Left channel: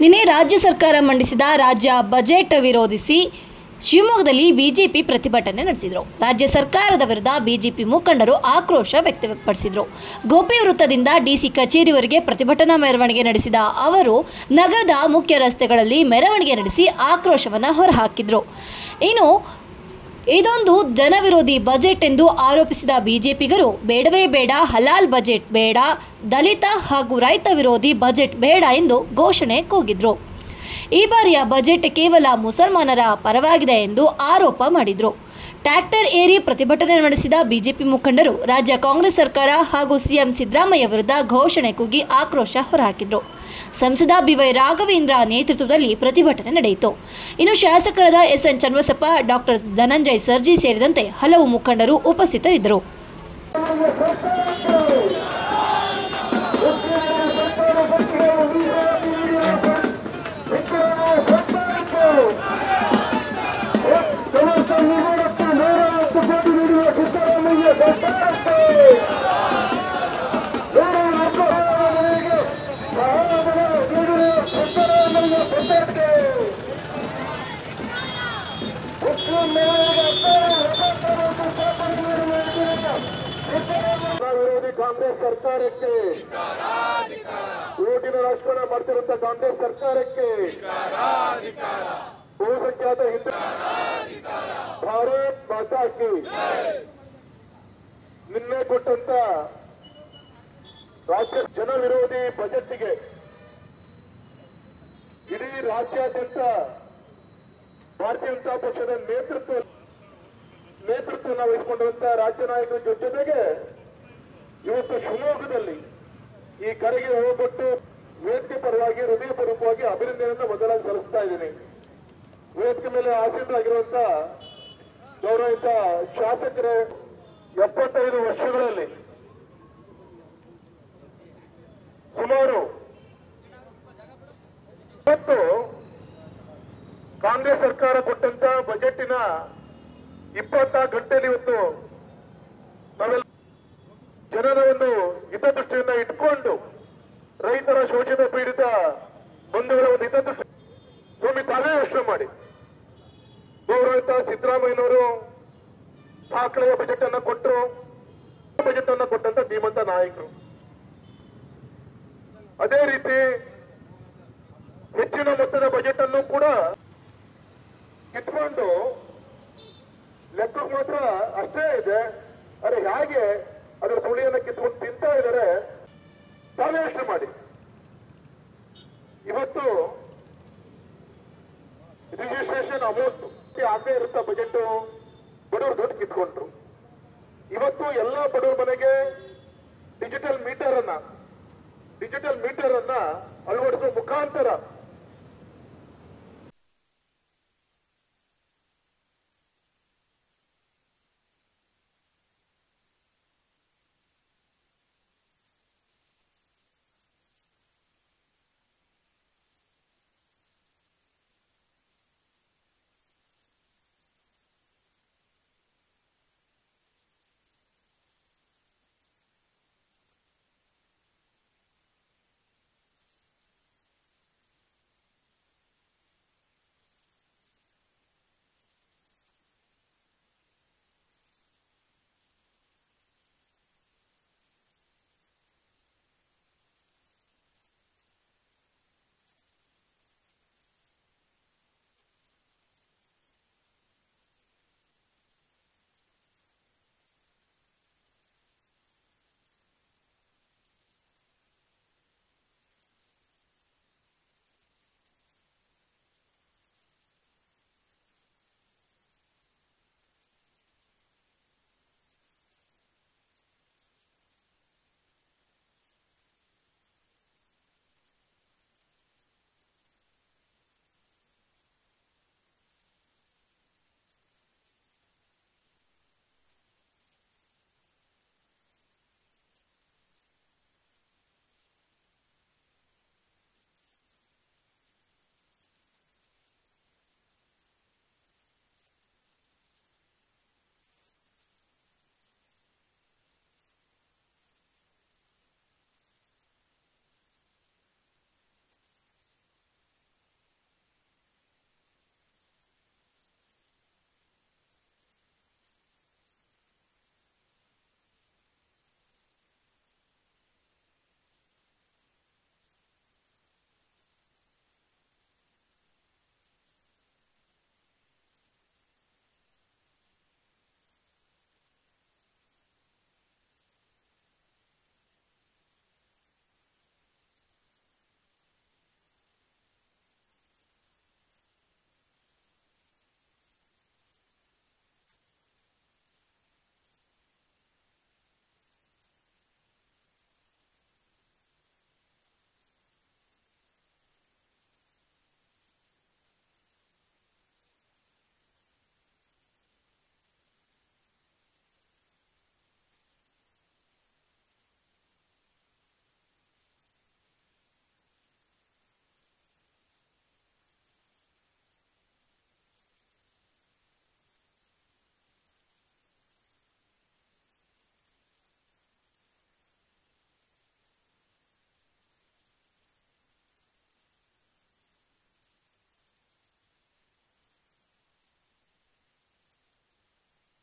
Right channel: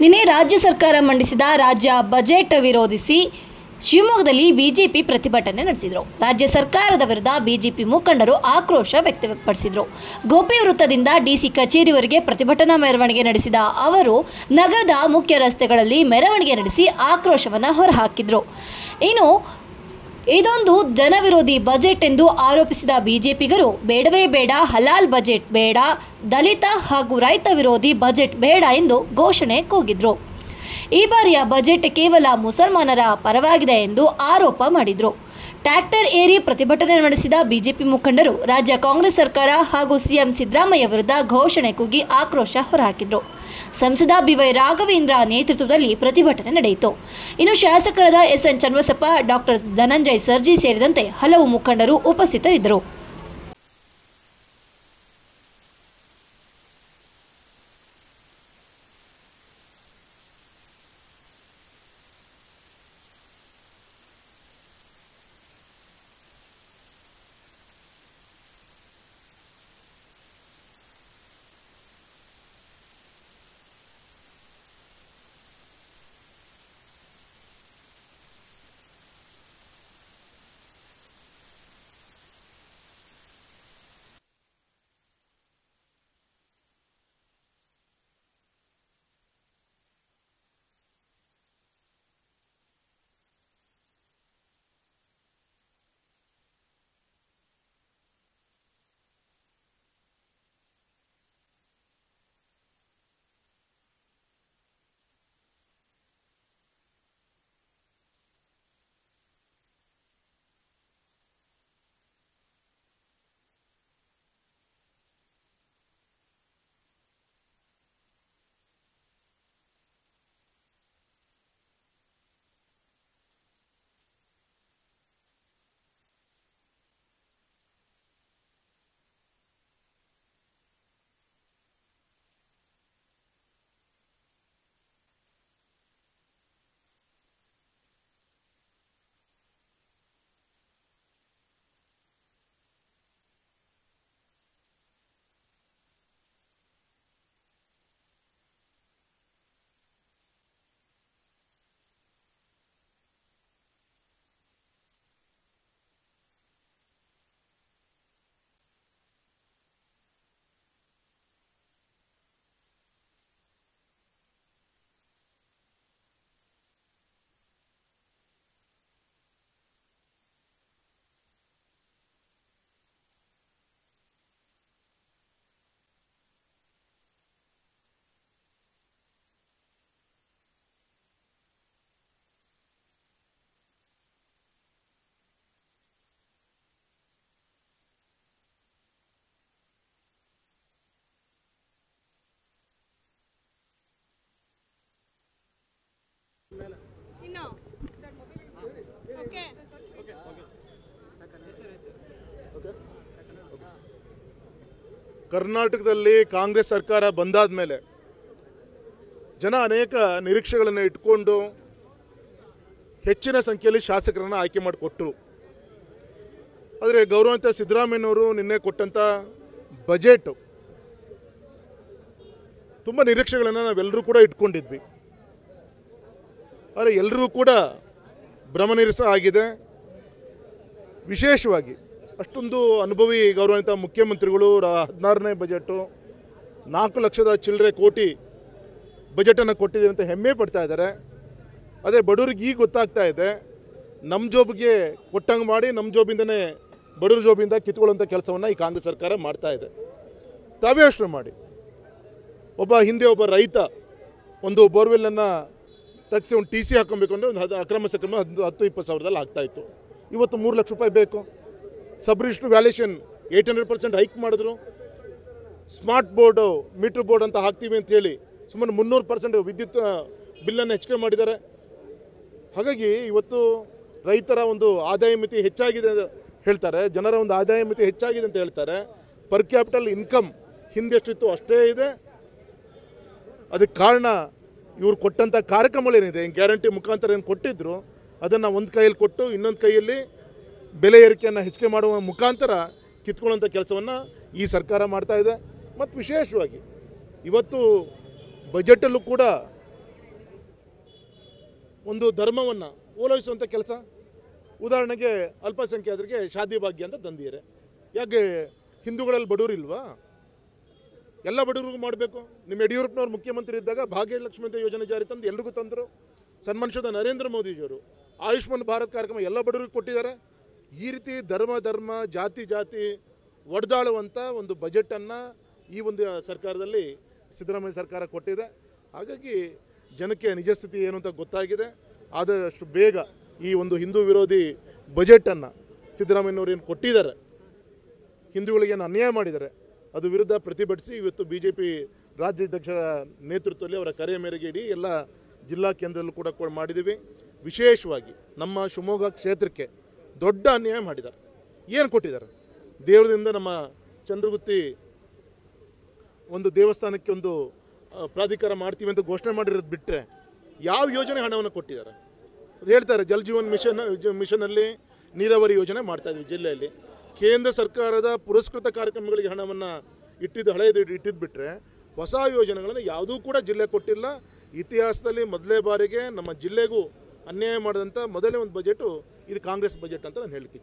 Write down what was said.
ನಿನ್ನೆ ರಾಜ್ಯ ಸರ್ಕಾರ ಮಂಡಿಸಿದ ರಾಜ್ಯ ಬಜೆಟ್ ವಿರೋಧಿಸಿ ಶಿವಮೊಗ್ಗದಲ್ಲಿ ಬಿಜೆಪಿ ಪ್ರತಿಭಟನೆ ನಡೆಸಿದರು. ರಾಜ್ಯ ಸರ್ಕಾರದ ವಿರುದ್ಧ ಬಿಜೆಪಿ ಮುಖಂಡರು ಆಕ್ರೋಶ ವ್ಯಕ್ತಪಡಿಸಿದರು. ಗೋಪಿ ವೃತ್ತದಿಂದ ಡಿಸಿ ಕಚೇರಿವರೆಗೆ ಪ್ರತಿಭಟನಾ ಮೆರವಣಿಗೆ ನಡೆಸಿದ ಅವರು ನಗರದ ಮುಖ್ಯ ರಸ್ತೆಗಳಲ್ಲಿ ಮೆರವಣಿಗೆ ನಡೆಸಿ ಆಕ್ರೋಶವನ್ನು ಹೊರಹಾಕಿದರು. ಇನ್ನು ಇದೊಂದು ಜನವಿರೋಧಿ ಬಜೆಟ್ ಎಂದು ಆರೋಪಿಸಿದ ಬಿಜೆಪಿಗರು ಬೇಡವೇ ಬೇಡ, ಹಲಾಲ್ ಬಜೆಟ್ ಬೇಡ, ದಲಿತ ಹಾಗೂ ರೈತ ವಿರೋಧಿ ಬಜೆಟ್ ಬೇಡ ಎಂದು ಘೋಷಣೆ ಕೂಗಿದ್ರು. ಈ ಬಾರಿಯ ಬಜೆಟ್ ಕೇವಲ ಮುಸಲ್ಮಾನರ ಪರವಾಗಿದೆ ಎಂದು ಆರೋಪ ಮಾಡಿದರು. ಟ್ರ್ಯಾಕ್ಟರ್ ಏರಿ ಪ್ರತಿಭಟನೆ ನಡೆಸಿದ ಬಿಜೆಪಿ ಮುಖಂಡರು ರಾಜ್ಯ ಕಾಂಗ್ರೆಸ್ ಸರ್ಕಾರ ಹಾಗೂ ಸಿಎಂ ಸಿದ್ದರಾಮಯ್ಯ ವಿರುದ್ಧ ಘೋಷಣೆ ಕೂಗಿ ಆಕ್ರೋಶ ಹೊರಹಾಕಿದರು. ಸಂಸದ ಬಿವೈ ರಾಘವೇಂದ್ರ ನೇತೃತ್ವದಲ್ಲಿ ಪ್ರತಿಭಟನೆ ನಡೆಯಿತು. ಇನ್ನು ಶಾಸಕರಾದ ಎಸ್ಎನ್ ಚನ್ನಬಸಪ್ಪ, ಡಾಕ್ಟರ್ ಧನಂಜಯ್ ಸರ್ಜಿ ಸೇರಿದಂತೆ ಹಲವು ಮುಖಂಡರು ಉಪಸ್ಥಿತರಿದ್ದರು. ಕಾಂಗ್ರೆಸ್ ಸರ್ಕಾರಕ್ಕೆ ಓಟಿನ ರಾಜಕಾರಣ ಮಾಡ್ತಿರುವಂತ ಕಾಂಗ್ರೆಸ್ ಸರ್ಕಾರಕ್ಕೆ ಬಹುಸಂಖ್ಯಾತ ಹಿಂದೂ ಭಾರತ್ ಮಾತಾ ಕಿ ನಿನ್ನೆ ಕೊಟ್ಟಂತ ರಾಜ್ಯ ಜನ ವಿರೋಧಿ ಬಜೆಟ್ಗೆ ಇಡೀ ರಾಜ್ಯಾದ್ಯಂತ ಭಾರತೀಯ ಜನತಾ ಪಕ್ಷದ ನೇತೃತ್ವವನ್ನು ವಹಿಸಿಕೊಂಡಿರುವಂತಹ ರಾಜ್ಯ ನಾಯಕರ ಜೊತೆಗೆ ಇವತ್ತು ಶಿವಮೊಗ್ಗದಲ್ಲಿ ಈ ಕರೆಗೆ ಹೋಗ್ಬಿಟ್ಟು ವೇದಿಕೆ ಪರವಾಗಿ ಹೃದಯಪೂರ್ವಕವಾಗಿ ಅಭಿನಂದನೆಯನ್ನು ಮೊದಲಾಗಿ ಸಲ್ಲಿಸ್ತಾ ಇದ್ದೀನಿ. ವೇದಿಕೆ ಮೇಲೆ ಆಸೀನರಾಗಿರುವಂತ ಗೌರವಿತ ಶಾಸಕರೇ, 75 ವರ್ಷಗಳಲ್ಲಿ ಸುಮಾರು ಇವತ್ತು ಕಾಂಗ್ರೆಸ್ ಸರ್ಕಾರ ಕೊಟ್ಟಂತ ಬಜೆಟಿನ 24 ಗಂಟೆಯಲ್ಲಿ ಇವತ್ತು ನಾವೆಲ್ಲ ಜನರ ಒಂದು ಹಿತದೃಷ್ಟಿಯನ್ನ ಇಟ್ಕೊಂಡು ರೈತರ ಶೋಷಿತ ಪೀಡಿತ ಬಂಧುಗಳ ಒಂದು ಹಿತದೃಷ್ಟಿ ಸ್ವಾಮಿ ತಾವೇ ಯೋಚನೆ ಮಾಡಿ. ಗೌರವಿತ ಸಿದ್ದರಾಮಯ್ಯನವರು ದಾಖಲೆಯ ಬಜೆಟ್ ಅನ್ನ ಕೊಟ್ಟರು. ಬಜೆಟ್ ಅನ್ನ ಕೊಟ್ಟಂತ ಧೀಮಂತ ನಾಯಕರು. ಅದೇ ರೀತಿ ಹೆಚ್ಚಿನ ಮೊತ್ತದ ಬಜೆಟ್ ಅನ್ನು ಕೂಡ ಕಿತ್ಕೊಂಡು ಲೆಕ್ಕಕ್ಕೆ ಮಾತ್ರ ಅಷ್ಟೇ ಇದೆ. ಅರೆ ಹೇಗೆ ಅದರ ಸುಳಿಯನ್ನು ಕಿತ್ಕೊಂಡು ತಿಂತಾ ಇದ್ದಾರೆ ತಾವೇ ಯೋಚನೆ ಮಾಡಿ. ಇವತ್ತು ರಿಜಿಸ್ಟ್ರೇಷನ್ ಅಮೌಂಟ್ ಆಗೇ ಇರುತ್ತ ಬಜೆಟ್ ಬಡವರು ದುಡ್ಡು ಕಿತ್ಕೊಂಡ್ರು. ಇವತ್ತು ಎಲ್ಲ ಬಡವರ ಮನೆಗೆ ಡಿಜಿಟಲ್ ಮೀಟರ್ ಅನ್ನ ಅಳವಡಿಸುವ ಮುಖಾಂತರ ಕರ್ನಾಟಕದಲ್ಲಿ ಕಾಂಗ್ರೆಸ್ ಸರ್ಕಾರ ಬಂದಾದ ಮೇಲೆ ಜನ ಅನೇಕ ನಿರೀಕ್ಷೆಗಳನ್ನು ಇಟ್ಕೊಂಡು ಹೆಚ್ಚಿನ ಸಂಖ್ಯೆಯಲ್ಲಿ ಶಾಸಕರನ್ನು ಆಯ್ಕೆ ಮಾಡಿಕೊಟ್ಟರು. ಆದರೆ ಗೌರವಾನ್ವಿತ ಸಿದ್ದರಾಮಯ್ಯನವರು ನಿನ್ನೆ ಕೊಟ್ಟಂಥ ಬಜೆಟ್ ತುಂಬ ನಿರೀಕ್ಷೆಗಳನ್ನು ನಾವೆಲ್ಲರೂ ಕೂಡ ಇಟ್ಕೊಂಡಿದ್ವಿ. ಆದರೆ ಎಲ್ಲರೂ ಕೂಡ ಭ್ರಮನಿರಸ ಆಗಿದೆ. ವಿಶೇಷವಾಗಿ ಅಷ್ಟೊಂದು ಅನುಭವಿ ಗೌರವಾನ್ವಿತ ಮುಖ್ಯಮಂತ್ರಿಗಳು 16ನೇ ಬಜೆಟು 4 ಲಕ್ಷದ ಚಿಲ್ಲರೆ ಕೋಟಿ ಬಜೆಟನ್ನು ಕೊಟ್ಟಿದೆ ಅಂತ ಹೆಮ್ಮೆ ಪಡ್ತಾ ಇದ್ದಾರೆ. ಅದೇ ಬಡವರಿಗೆ ಈಗ ಗೊತ್ತಾಗ್ತಾ ಇದೆ, ನಮ್ಮ ಜೋಬಿಗೆ ಕೊಟ್ಟಂಗೆ ಮಾಡಿ ನಮ್ಮ ಜೋಬಿಂದನೇ ಬಡವ್ರ ಜೋಬಿಂದ ಕಿತ್ಕೊಳ್ಳುವಂಥ ಕೆಲಸವನ್ನು ಈ ಕಾಂಗ್ರೆಸ್ ಸರ್ಕಾರ ಮಾಡ್ತಾ ಇದೆ. ತಾವೇ ಯೋಚನೆ ಮಾಡಿ, ಹಿಂದೆ ಒಬ್ಬ ರೈತ ಒಂದು ಬೋರ್ವೆಲ್ಲನ್ನು ತೆಗೆಸಿ ಒಂದು TC ಹಾಕೊಬೇಕು ಅಂದರೆ ಒಂದು ಅಕ್ರಮ ಸಕ್ರಮ 10-20 ಸಾವಿರದಲ್ಲಿ ಆಗ್ತಾಯಿತ್ತು. ಇವತ್ತು 3 ಲಕ್ಷ ರೂಪಾಯಿ ಬೇಕು. ಸಬ್ ರಿಜಿಸ್ಟ್ರ್ ವ್ಯಾಲ್ಯೂಷನ್ 800% ಹೈಕ್ ಮಾಡಿದ್ರು. ಸ್ಮಾರ್ಟ್ ಬೋರ್ಡು ಮೀಟ್ರ್ ಬೋರ್ಡ್ ಅಂತ ಹಾಕ್ತೀವಿ ಅಂತ ಹೇಳಿ ಸುಮಾರು 300% ವಿದ್ಯುತ್ ಬಿಲ್ಲನ್ನು ಹೆಚ್ಚಿಗೆ ಮಾಡಿದ್ದಾರೆ. ಹಾಗಾಗಿ ಇವತ್ತು ರೈತರ ಒಂದು ಆದಾಯ ಮಿತಿ ಹೆಚ್ಚಾಗಿದೆ ಅಂತ ಹೇಳ್ತಾರೆ, ಜನರ ಒಂದು ಆದಾಯ ಮಿತಿ ಹೆಚ್ಚಾಗಿದೆ ಅಂತ ಹೇಳ್ತಾರೆ. ಪರ್ ಕ್ಯಾಪಿಟಲ್ ಇನ್ಕಮ್ ಹಿಂದೆ ಎಷ್ಟಿತ್ತು ಅಷ್ಟೇ ಇದೆ. ಅದಕ್ಕೆ ಕಾರಣ ಇವರು ಕೊಟ್ಟಂಥ ಕಾರ್ಯಕ್ರಮಗಳೇನಿದೆ, ಗ್ಯಾರಂಟಿ ಮುಖಾಂತರ ಏನು ಕೊಟ್ಟಿದ್ರು ಅದನ್ನು ಒಂದು ಕೈಯಲ್ಲಿ ಕೊಟ್ಟು ಇನ್ನೊಂದು ಕೈಯಲ್ಲಿ ಬೆಲೆ ಏರಿಕೆಯನ್ನು ಹೆಚ್ಚಿಗೆ ಮಾಡುವ ಮುಖಾಂತರ ಕಿತ್ಕೊಳ್ಳುವಂಥ ಕೆಲಸವನ್ನು ಈ ಸರ್ಕಾರ ಮಾಡ್ತಾ ಇದೆ. ಮತ್ತು ವಿಶೇಷವಾಗಿ ಇವತ್ತು ಬಜೆಟಲ್ಲೂ ಕೂಡ ಒಂದು ಧರ್ಮವನ್ನು ಓಲೈಸುವಂಥ ಕೆಲಸ. ಉದಾಹರಣೆಗೆ ಅಲ್ಪಸಂಖ್ಯಾತರಿಗೆ ಶಾದಿ ಭಾಗ್ಯ ಅಂತ ತಂದಿದ್ದಾರೆ. ಯಾಕೆ ಹಿಂದೂಗಳಲ್ಲಿ ಬಡವರು ಇಲ್ವಾ? ಎಲ್ಲ ಬಡವರಿಗೂ ಮಾಡಬೇಕು. ನಿಮ್ಮ ಯಡಿಯೂರಪ್ಪನವ್ರು ಮುಖ್ಯಮಂತ್ರಿ ಇದ್ದಾಗ ಭಾಗ್ಯಲಕ್ಷ್ಮಿ ಅಂತ ಯೋಜನೆ ಜಾರಿ ತಂದು ಎಲ್ರಿಗೂ ತಂದರು. ಸನ್ಮಾನಿಸಿದ ನರೇಂದ್ರ ಮೋದಿಜಿಯವರು ಆಯುಷ್ಮಾನ್ ಭಾರತ್ ಕಾರ್ಯಕ್ರಮ ಎಲ್ಲ ಬಡವರಿಗೂ ಕೊಟ್ಟಿದ್ದಾರೆ. ಈ ರೀತಿ ಧರ್ಮ ಜಾತಿ ಒಡೆದಾಳುವಂಥ ಒಂದು ಬಜೆಟನ್ನು ಈ ಒಂದು ಸರ್ಕಾರದಲ್ಲಿ ಸಿದ್ದರಾಮಯ್ಯ ಸರ್ಕಾರ ಕೊಟ್ಟಿದೆ. ಹಾಗಾಗಿ ಜನಕ್ಕೆ ನಿಜ ಸ್ಥಿತಿ ಏನು ಅಂತ ಗೊತ್ತಾಗಿದೆ. ಆದಷ್ಟು ಬೇಗ ಈ ಒಂದು ಹಿಂದೂ ವಿರೋಧಿ ಬಜೆಟನ್ನು ಸಿದ್ದರಾಮಯ್ಯನವರು ಏನು ಕೊಟ್ಟಿದ್ದಾರೆ, ಹಿಂದೂಗಳಿಗೇನು ಅನ್ಯಾಯ ಮಾಡಿದ್ದಾರೆ, ಅದು ವಿರುದ್ಧ ಪ್ರತಿಭಟಿಸಿ ಇವತ್ತು BJP ರಾಜ್ಯಾಧ್ಯಕ್ಷರ ನೇತೃತ್ವದಲ್ಲಿ ಅವರ ಕರೆಯ ಮೇರೆಗೆ ಇಡೀ ಎಲ್ಲ ಜಿಲ್ಲಾ ಕೇಂದ್ರದಲ್ಲೂ ಕೂಡ ಮಾಡಿದ್ದೀವಿ. ವಿಶೇಷವಾಗಿ ನಮ್ಮ ಶಿವಮೊಗ್ಗ ಕ್ಷೇತ್ರಕ್ಕೆ ದೊಡ್ಡ ಅನ್ಯಾಯ ಮಾಡಿದ್ದಾರೆ. ಏನು ಕೊಟ್ಟಿದ್ದಾರೆ? ದೇವರದಿಂದ ನಮ್ಮ ಚಂದ್ರಗುತ್ತಿ ಒಂದು ದೇವಸ್ಥಾನಕ್ಕೆ ಒಂದು ಪ್ರಾಧಿಕಾರ ಮಾಡ್ತೀವಿ ಅಂತ ಘೋಷಣೆ ಮಾಡಿರೋದು ಬಿಟ್ಟರೆ ಯಾವ ಯೋಜನೆ ಹಣವನ್ನು ಕೊಟ್ಟಿದ್ದಾರೆ? ಅದು ಹೇಳ್ತಾರೆ ಜಲ್ ಜೀವನ್ ಮಿಷನಲ್ಲಿ ನೀರಾವರಿ ಯೋಜನೆ ಮಾಡ್ತಾಯಿದ್ವಿ ಜಿಲ್ಲೆಯಲ್ಲಿ. ಕೇಂದ್ರ ಸರ್ಕಾರದ ಪುರಸ್ಕೃತ ಕಾರ್ಯಕ್ರಮಗಳಿಗೆ ಹಣವನ್ನು ಹಳೆಯದು ಇಟ್ಟಿದ್ದು ಬಿಟ್ಟರೆ ಹೊಸ ಯೋಜನೆಗಳನ್ನು ಯಾವುದೂ ಕೂಡ ಜಿಲ್ಲೆ ಕೊಟ್ಟಿಲ್ಲ. ಇತಿಹಾಸದಲ್ಲಿ ಮೊದಲೇ ಬಾರಿಗೆ ನಮ್ಮ ಜಿಲ್ಲೆಗೂ ಅನ್ಯಾಯ ಮಾಡಿದಂಥ ಮೊದಲನೇ ಒಂದು ಬಜೆಟು ಇದು ಕಾಂಗ್ರೆಸ್ ಬಜೆಟ್ ಅಂತ ನಾನು ಹೇಳಲಿಕ್ಕೆ